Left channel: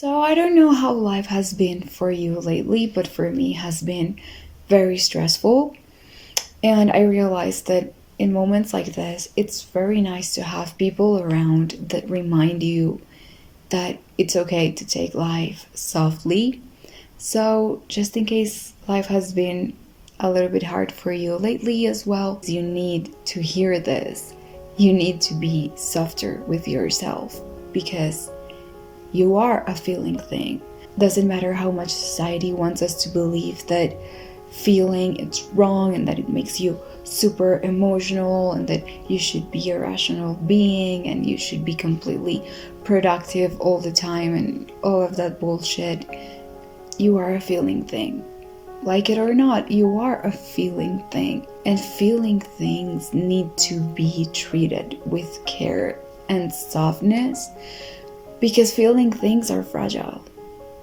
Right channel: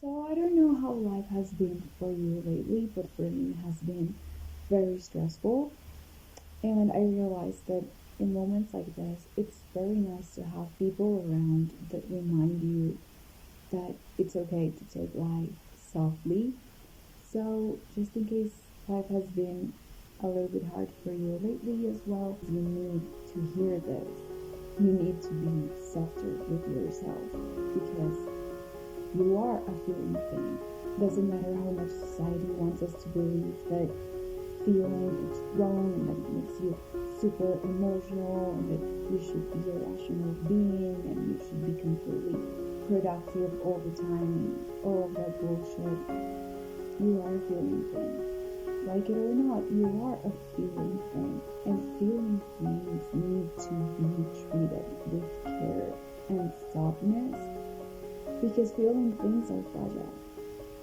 So I don't know how life has been for you lately, but for me has been very stressful. And I realized that in moments like this, it's very nice to have people around that remind you that it's okay to take life softly. So just in case life has been a little bit hard for you lately as well, you need to hear this. You need to be softer with yourself because you are a feeling thing. Doesn't matter how much society wants us to believe that feeling it's wrong and that it makes you super emotional and that you should be a rational being and you should be completely productive all the time and all of that bullshit. You are a feeling thing. Like it or not, you are a feeling thing. And feeling things need to be treated with care and softness because feeling things are fragile.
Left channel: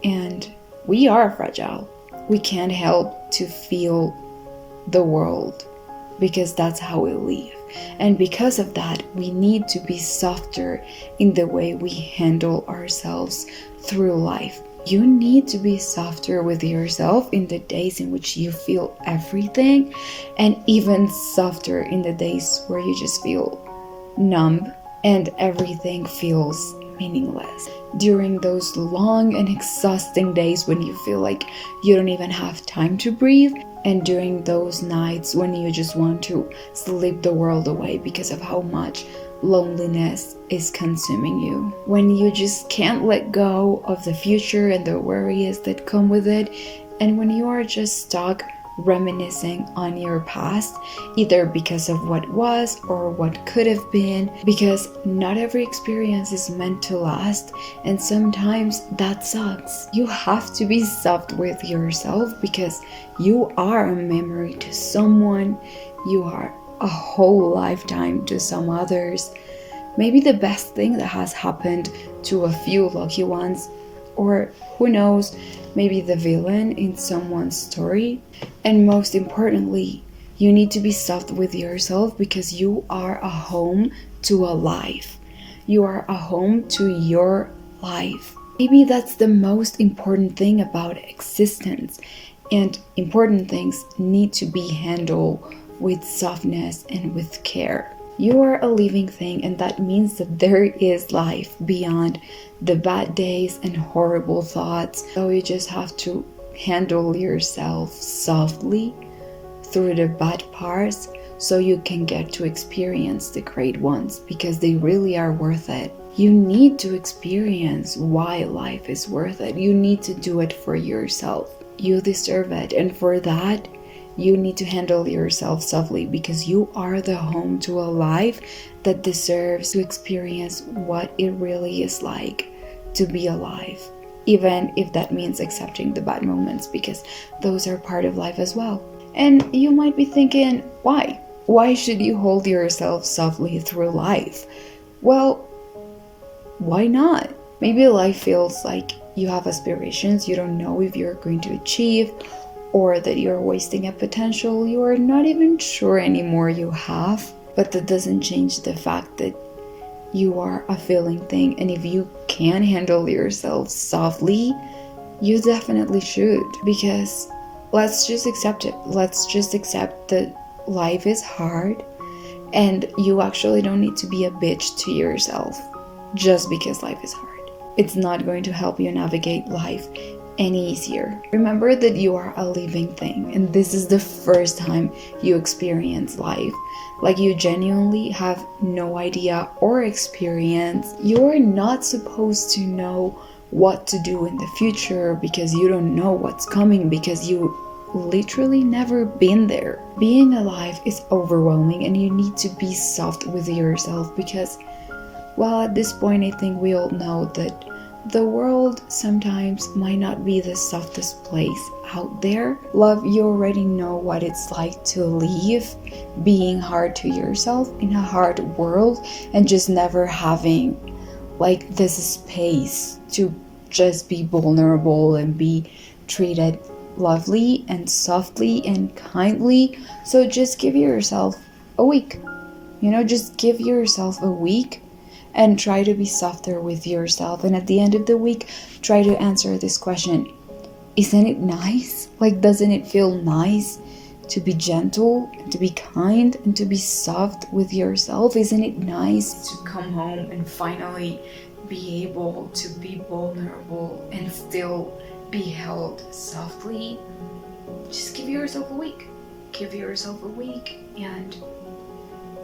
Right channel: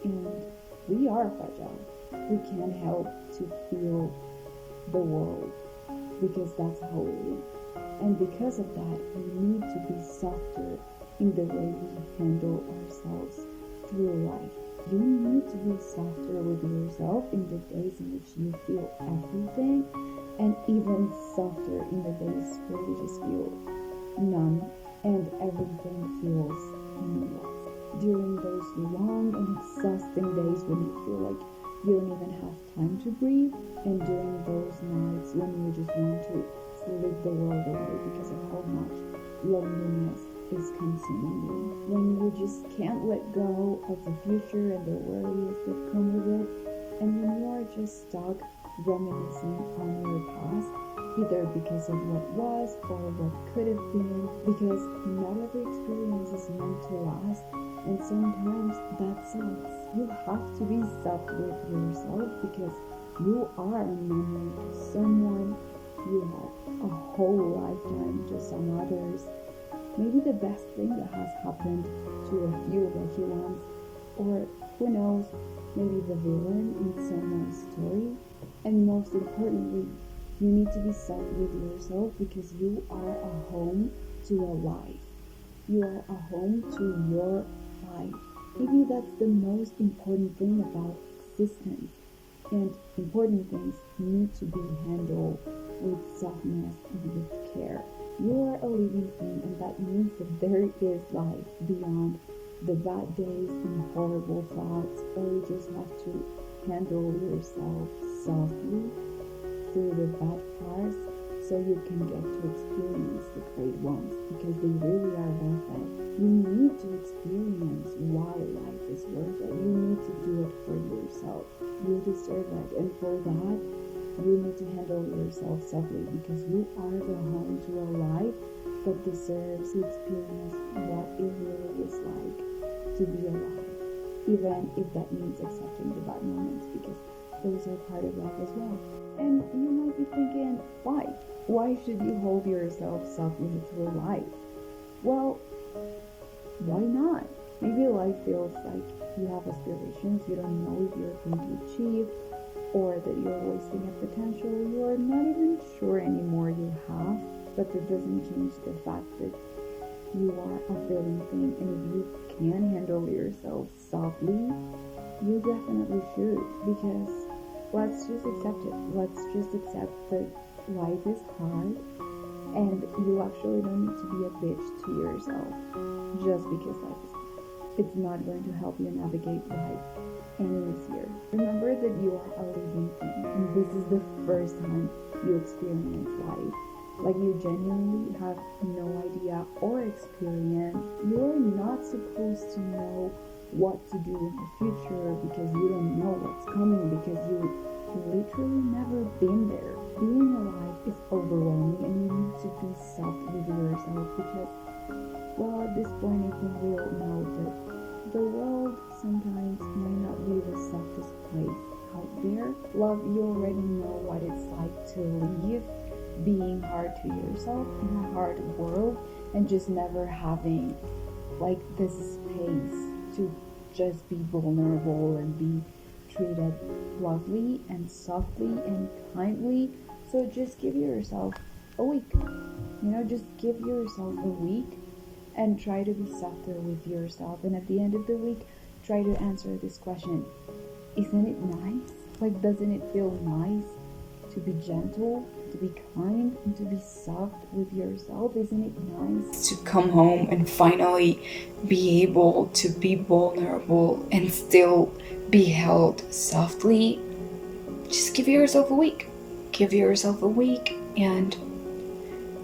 And we are fragile. We can't help to feel the world because that's how we live. And because of that, we need to be softer in the way we handle ourselves through life. You need to be softer with yourself in the days in which you feel everything, and even softer in the days where you just feel numb and everything feels meaningless. During those long and exhausting days when you feel like you don't even have time to breathe, and during those nights when you just want to sleep the world away because of how much loneliness is consuming you, when you just can't let go of the future and the worries that come with it, and when you are just stuck reminiscing on your past, either because of what was or what could have been, because not every experience is meant to last, and sometimes that sucks. You have to be soft with yourself because you are a memory to someone, you are a whole lifetime to some others. Maybe the best thing that has happened to a few lucky ones, or who knows, maybe the villain in someone's story. And most importantly, you need to be soft with yourself because you are a home to a life. You are a home to your life. Maybe that's the most important thing about existence, and important things need to be handled with softness and with care. You are a living thing, and that means that there is life beyond the bad days and horrible thoughts. So you just have to handle yourself softly through the bad parts so you can get to experience the great ones because they really are worth it. You need to experience why life is worth it. You need to do it for yourself. You deserve it, and for that, you need to handle yourself softly because you are the home to a life that deserves to experience what it really is like to be alive, even if that means accepting the bad moments because those are part of life as well. And you might be thinking, why? Why should you hold yourself softly through life? Well, why not? Maybe life feels like you have aspirations you don't know if you're going to achieve, or that you're wasting a potential you are not even sure anymore you have. But that doesn't change the fact that you are a feeling thing, and if you can handle yourself softly, you definitely should, because let's just accept it. Let's just accept that life is hard, and you actually don't need to be a bitch to yourself just because life is hard. It's not going to help you navigate life any easier. Remember that you are a living thing, and this is the first time you experience life. Like, you genuinely have no idea or experience. You're not supposed to know what to do in the future because you don't know what's coming, because you literally never been there. Being alive is overwhelming, and you need to be soft with yourself because, well, at this point I think we all know that the world sometimes might not be the softest place out there. Love, you already know what it's like to live being hard to yourself in a hard world and just never having like this space to just be vulnerable and be treated lovely and softly and kindly. So just give yourself a week. Just give yourself a week and try to be softer with yourself. And at the end of the week, try to answer this question: isn't it nice? Like, doesn't it feel nice to be gentle, and to be kind, and to be soft with yourself? Isn't it nice to come home and finally be able to be vulnerable and still be held softly? Just give yourself a week. Give yourself a week, and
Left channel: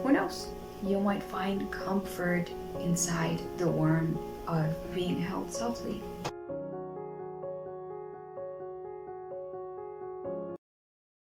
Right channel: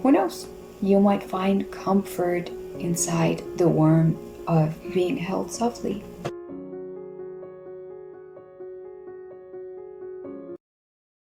who knows? You might find comfort inside the warmth of being held softly.